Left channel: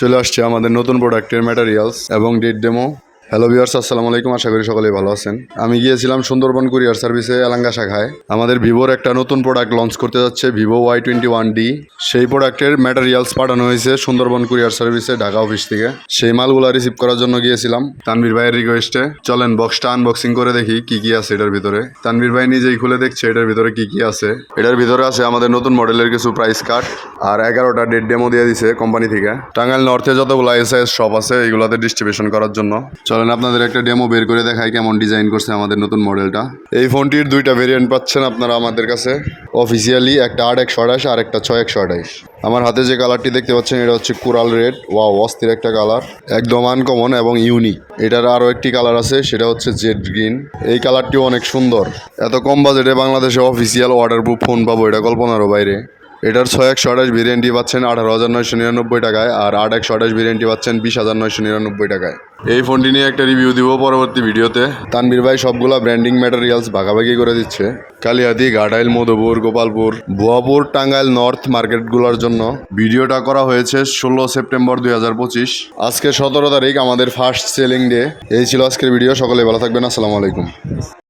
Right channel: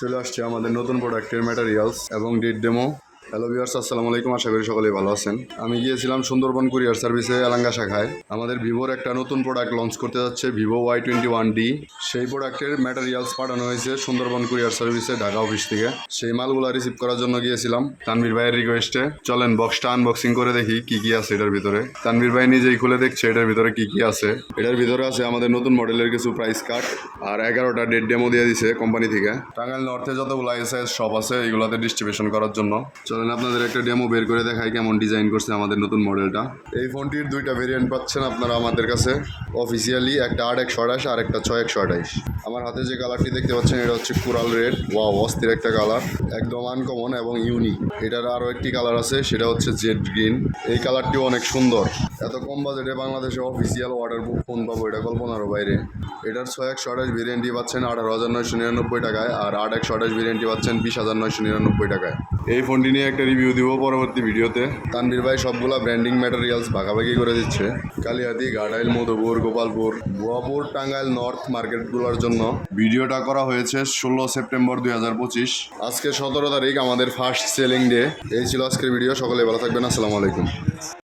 চলে আসছে আমাদের নতুন প্রোডাক্টের ম্যাটেরিয়ালস এবং ডেট ডেমো। হ্যালো ভিউয়ার্স, আসসালামু আলাইকুম। আশা করি সকলেই ভালো আছেন। আমি গিয়েছিলাম সুন্দরবন কুরিয়ার সার্ভিসে এলাঙ্গা শাখায়। আমাদের ভিভোর একটা নতুন প্রোডাক্ট লঞ্চ করতে যাচ্ছে, ভিভো Y21D। সেই প্রোডাক্টের ম্যাটেরিয়ালস পাঠানো হয়েছে সুন্দরবন কুরিয়ার সার্ভিসে ঢাকা অফিস থেকে। সেই মালগুলো রিসিভ করার জন্য গিয়েছিলাম তানভীর ভাইয়ের রিকোয়েস্টে। চলেন বক্সটা আনবক্সিং করে দেখি কি কি আছে এটার ভিতরে। তানভীর ভাই নিজেই খুলে দেখছে এটার ভিতরে কি কি আছে। এটার ভিতরে আছে আমাদের নতুন মডেলের কিছু প্রাইস কার্ড আর 11টা ডেট ডেমো দিয়ে দিছে কোম্পানি থেকে। টাঙ্গাইল নর্থে যতগুলো এসএস শপ আছে এইগুলোতে ডিস্ট্রিবিউশন করার জন্য। চলেন আপনাদের একটা ডেমো বের করে দেখাই কেমন ডিজাইন করছে আমাদের নতুন মডেলটা। এই ফোনটির দুইটা ভেরিয়েন্ট পাচ্ছেন আপনারা আমাদের কাছে অফিসিয়ালি, একটা 8/128 আর একটা 6/128। আমার হাতে যে কালারটি দেখতে পাচ্ছেন এটা হচ্ছে কোরাল রেড। ওয়াও, অস্থির একটা কালার, একদম আনকমন এবং ইউনিক। এটার আরও একটি কালার আছে, সেটা হচ্ছে জেড গ্রিন। এই কালারটিও অনেক সুন্দর। এত কম বাজেটে বাংলাদেশে অফিসিয়াল ওয়াটারপ্রুফ ফোন পাবো এটা কল্পনারও বাইরে। এটার 6/128 ভেরিয়েন্টটি পাচ্ছেন 18,999 টাকায়, আর 8/128 ভেরিয়েন্টটি পাচ্ছেন 20,999 টাকায়। এই ফোনটি নিয়ে একটা রিভিউ দিব পরবর্তী ভিডিওতে। তানভীর ভাই সবগুলা ব্র্যান্ডিং ম্যাটেরিয়ালস ভাগাভাগি করে দিচ্ছে। কালিয়াদি, ঘাটাইল, মধুপুর, গোপালপুর, ভুয়াপুর, টাঙ্গাইল নর্থ মার্কেটগুলোর জন্য। ভিডিওটা করা হয়েছে 16 সেপ্টেম্বর 2025। আজকে 17 তারিখ আমাদের ফার্স্ট সেলিং ডে। এই ছিল আজকের ভিডিও। সকলে ভালো থাকবেন। আসসালামু আলাইকুম।